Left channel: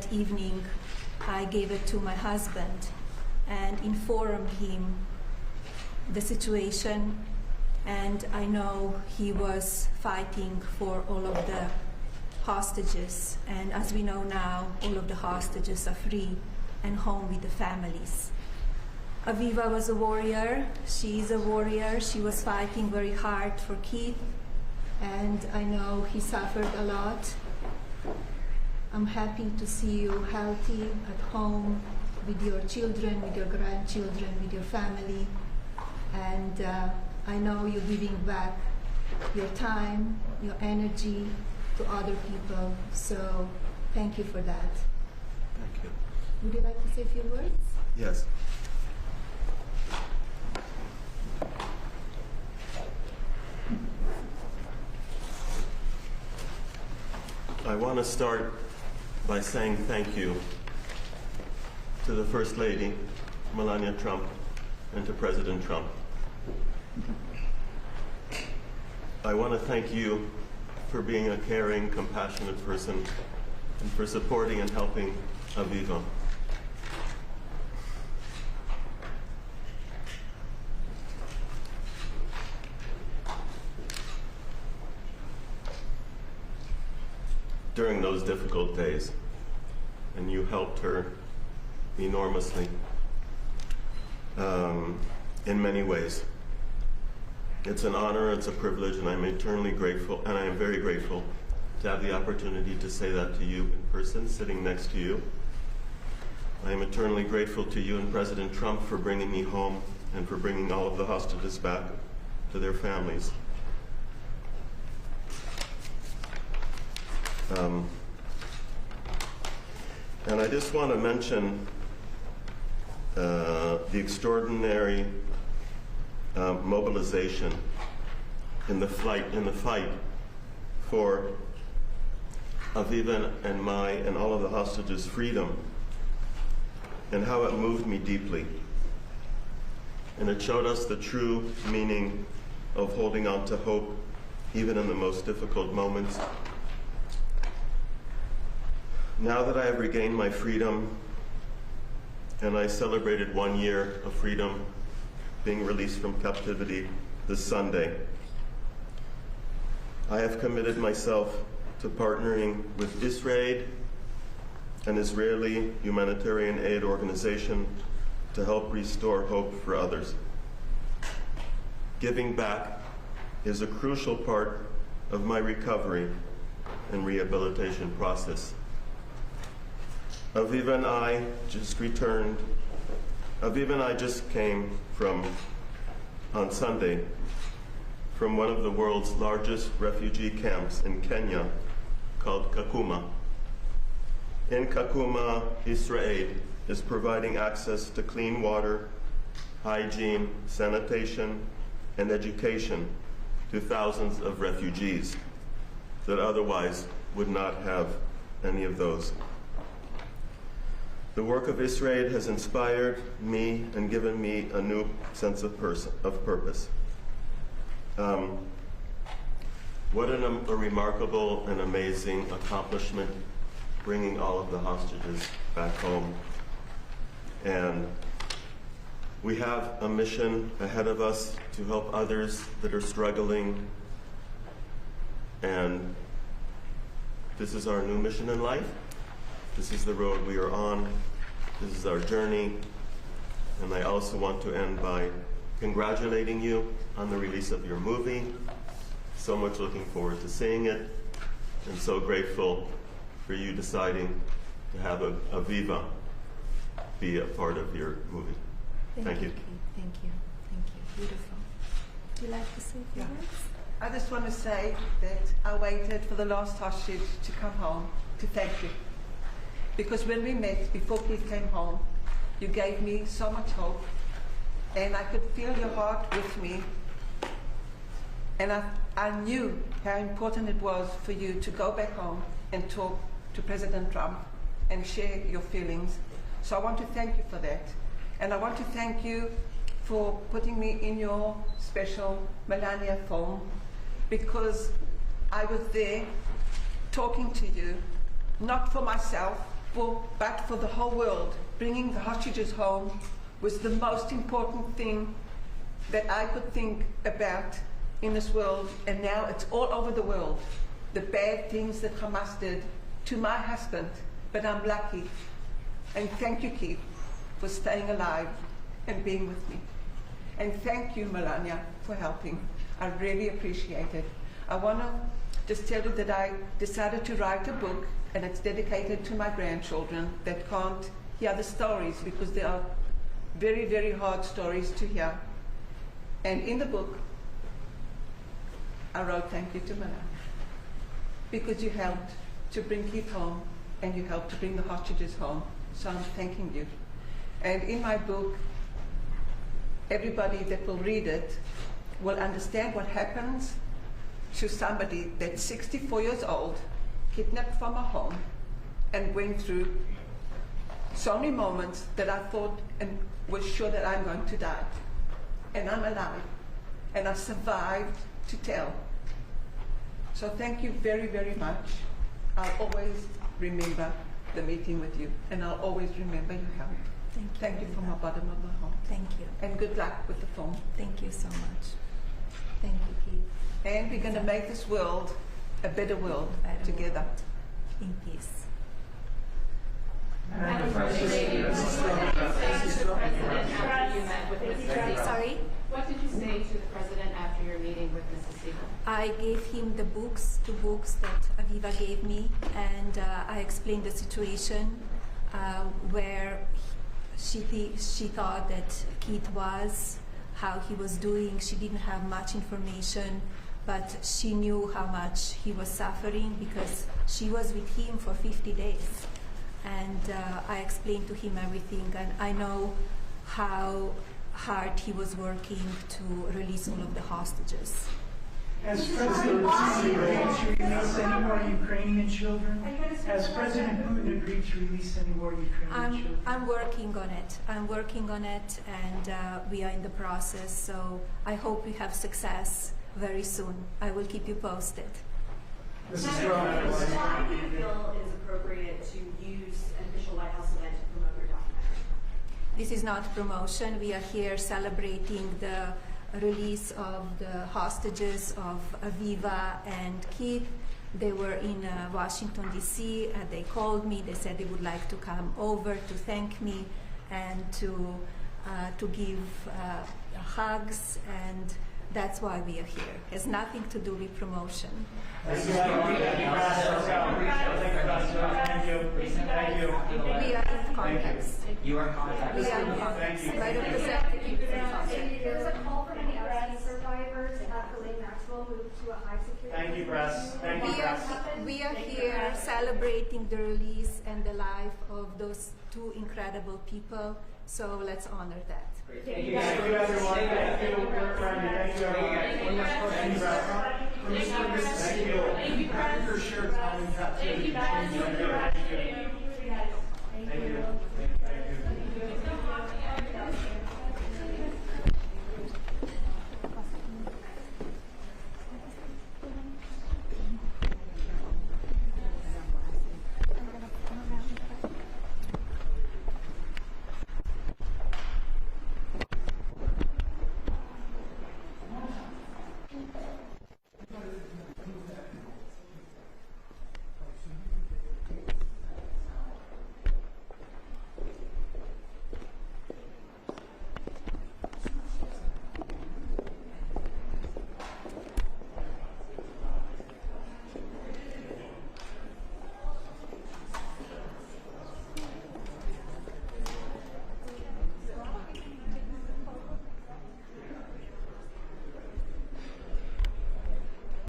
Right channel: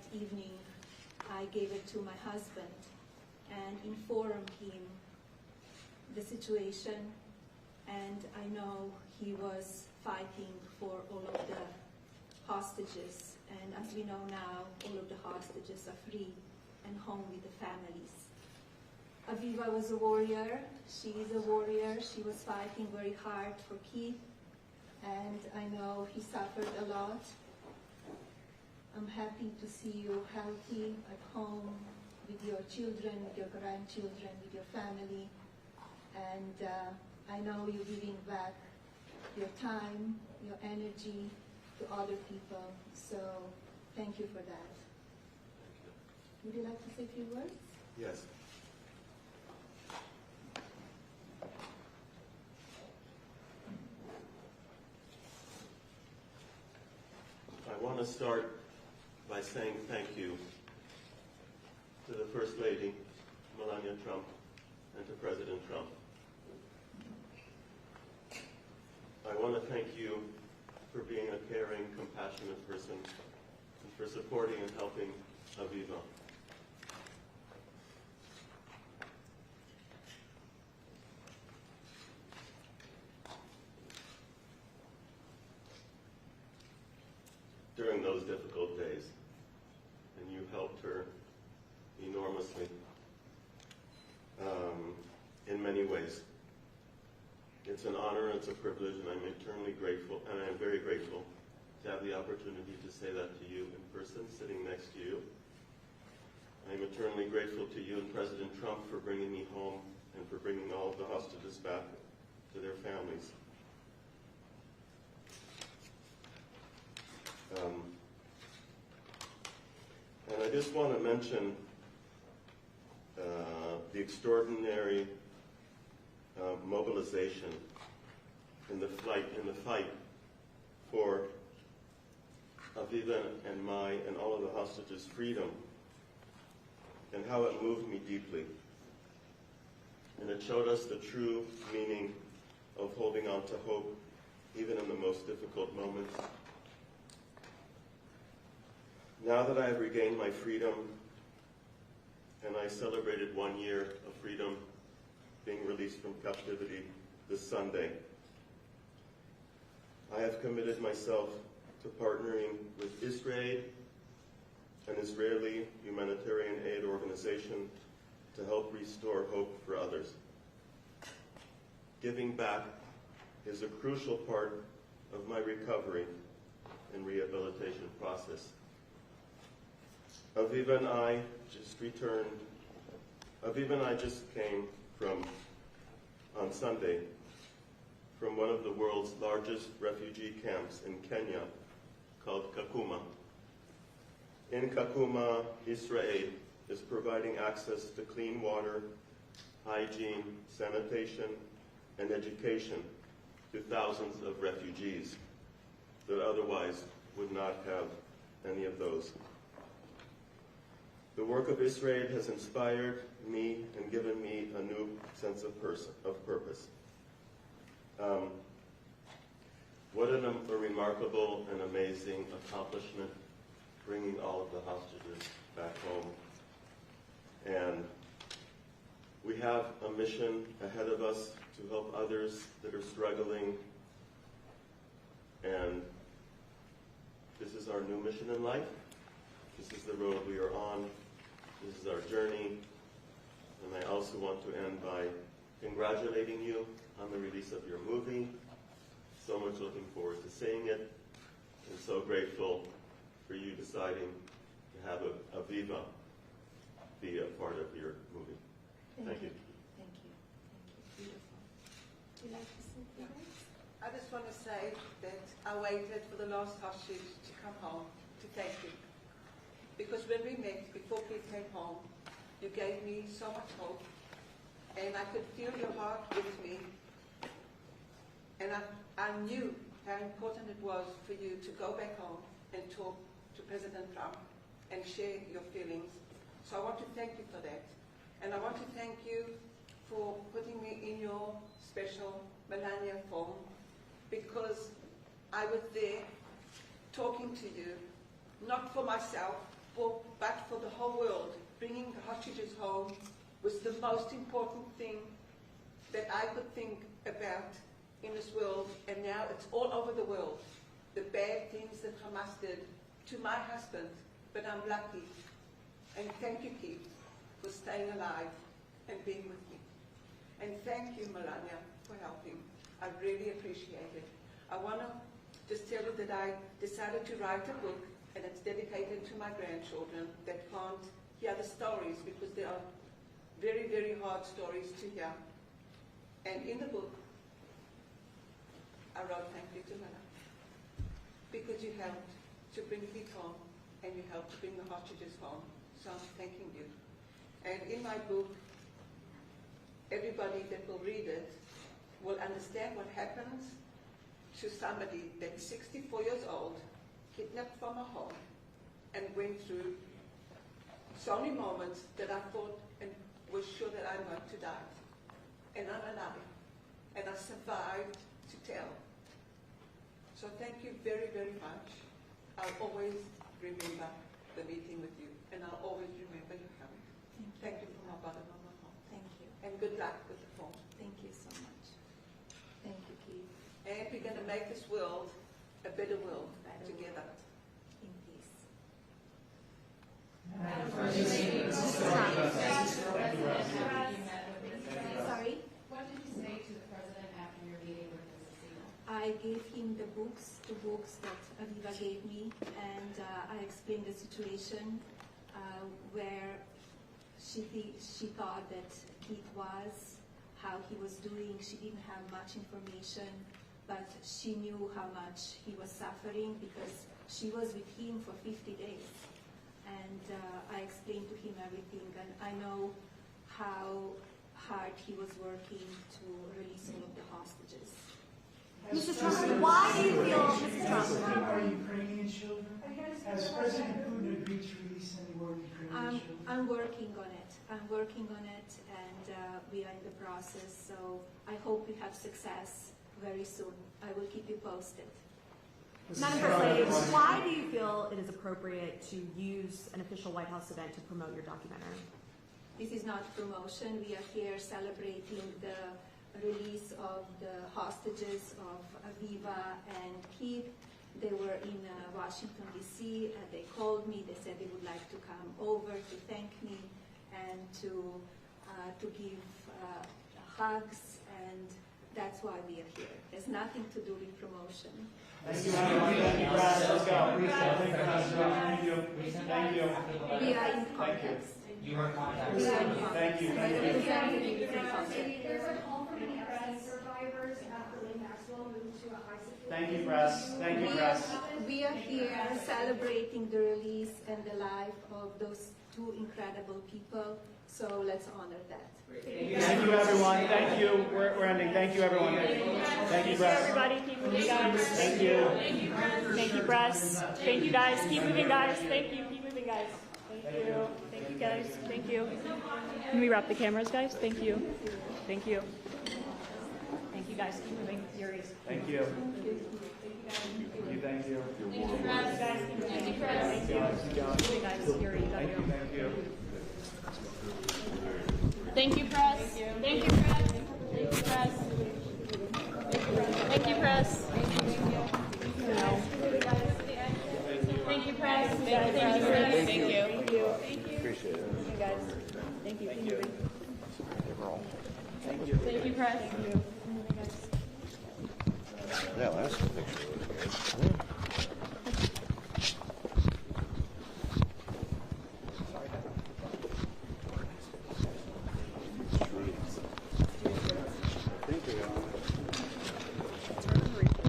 that evening, I gave it to my husband and informed him the situation, and I know he was fighting for all of the hostages, and as we know now, all of the hostages are free and home with the families. Aviva was a warrior. She is a warrior. She was fighting very hard for Keith, and I know he suffered a lot. I'm happy to see you healthy at home with your children, with your grandchildren, with your family, and I know you're giving back your time, your energy to other people, so thank you for that. Thank you. Would you like to say a few words? Yes. I want to start by saying thank you to the First Lady, Melania Trump, and to President Trump. I want to thank you for being a caring, compassionate person and for supporting and helping Aviva. During those difficult days, and you helped her enormously in many ways. It's an honor, it's a privilege, and I'm eternally grateful, and I am very grateful to have the opportunity to say that to you in person, sitting next to you. I am eternally grateful to you and President Trump for bringing me home and for bringing all of the hostages back to their families. And I just want to mention the extraordinary mobilization in the fight for Aviva and my and all of the hostages' freedom, and how it moved me deeply. And it showed us the true meaning of holding on to hope, even in the most difficult moments. Now that I have regained my freedom, and I celebrated 1 year of freedom, being released from captivity this Sunday, I have committed myself to partnering with Israel, an Israeli humanitarian aid organization, to help restore hope for others. Giving back is a crucial part of my recovery and rehabilitation process. Aviva and I just came from, on Sunday, from one of the world's largest refugee camps in Kenya called Kakuma. In Kakuma, Israel is providing access to clean water, hygiene, sanitation, and education to thousands of refugees that otherwise would not have any of those. The work of Israel has inspired me and given me a new sense of purpose. What a remarkable and amazing accomplishment, bringing all of the hostages back home. And we have a mission ahead of us to help others that are struggling. And this is our new mission in life. This is the road we are on. This is our journey. And I also want to end by congratulating you on the release of your movie. So much looking forward to seeing it, and so grateful for you deciding to have Aviva be a part of your movie. Thank you. Thank you. Thank you. Beautiful. Would you like to say a few words? I just want to say that I waited for the last hostage to come home to thank you. Because when we met, before Keith came home, you gave me so much hope, and I could feel your heart with me. And I knew how important it was for you to go back home and talk to President Trump and share your feelings. So I want to thank you for that. And I want to thank you for putting me in your special Melania film, because I was there talking to you, not for myself, but for the whole world, bringing the hostages home was the most important thing that I could think about in this world, and now it's all over the world. The bad things that Hamas did to my husband, but I'm lucky. And thank you, Keith, for staying alive and being with me. And thank you, Melania, for helping. I really appreciate it. I want to just tell you that I decided to write a book, and it's dedicated to my grandchildren that can't hear the stories because they are very, very hard stories to hear. And in the book, I wrote thank you to Melania, because you helped to bring Keith home and you helped to bring the hostages home. So I'm thanking you. And in my book, everybody that will read it will understand what happens to somebody that's 64 years old, kidnapped from a home, and went through so many moments that I thought and was sure that I'm going to die. And I'm alive, and I survived to tell. So thank you very, very much. I'll always remember the meeting with you, and I'll always remember your help. Thank you from the bottom of my heart. Thank you. And good luck with the film. Thank you so much. Thank you, Keith. And we're going to make this world a better world together. In peace. Sorry? What did you say to the president after your meeting with Mrs. Siegel? I gave him the two books that Aviva gave me, and I explained the situation where she thought that Keith was, how he was doing. She didn't have much information, but she knew how much he was suffering because she was with him for 50 days. And I explained to him everything, and I know how hard he was working to release all of the hostages. As President Putin agreed to release any more Ukrainian children? Has President Putin agreed to release any more Ukrainian children? I'm working on it. I'm working on it, and we are in the process, so I hope we have success very soon. I will keep you posted. Why do you feel it is appropriate to use an official White House event to promote your documentary? This is not promotion. We are here celebrating the release of the hostages of Aviva and Keith. They were in Washington, D.C., and they called me. They said they would like to come over to thank me and to give hugs, and that's why we are here. It has nothing to do with promotion. Thank you. We are in context. You are contacted. We are in context. Thank you. My representative. There's a call from any RC survivors to have Ghislaine Maxwell moved to a high security. Thank you, press. Thank you, press. We are here celebrating the release and the life of those two incredible people, so let's honor that. Thank you, everyone. Thank you, Randy. Thank you, everyone. Thank you, press. Thank you. Thank you, press. Thank you, guys. Keep with it, guys. Thank you. Keep with it, guys. Thank you. Thank you, guys. Thank you. Can we wrap the cameras, guys? Thank you. Thank you. Thank you, guys. Keep moving. Yuri's. Thank you. Thank you. Thank you, press. Thank you, press. Thank you. Thank you, guys. Yuri, love you. Thank you, press. Thank you, press. Thank you, press. Thank you, press. Thank you. Thank you, press. Thank you, press. Thank you. Thank you. Appreciate it. Thank you, guys. Thank you. Thank you. Thank you, press. Thank you.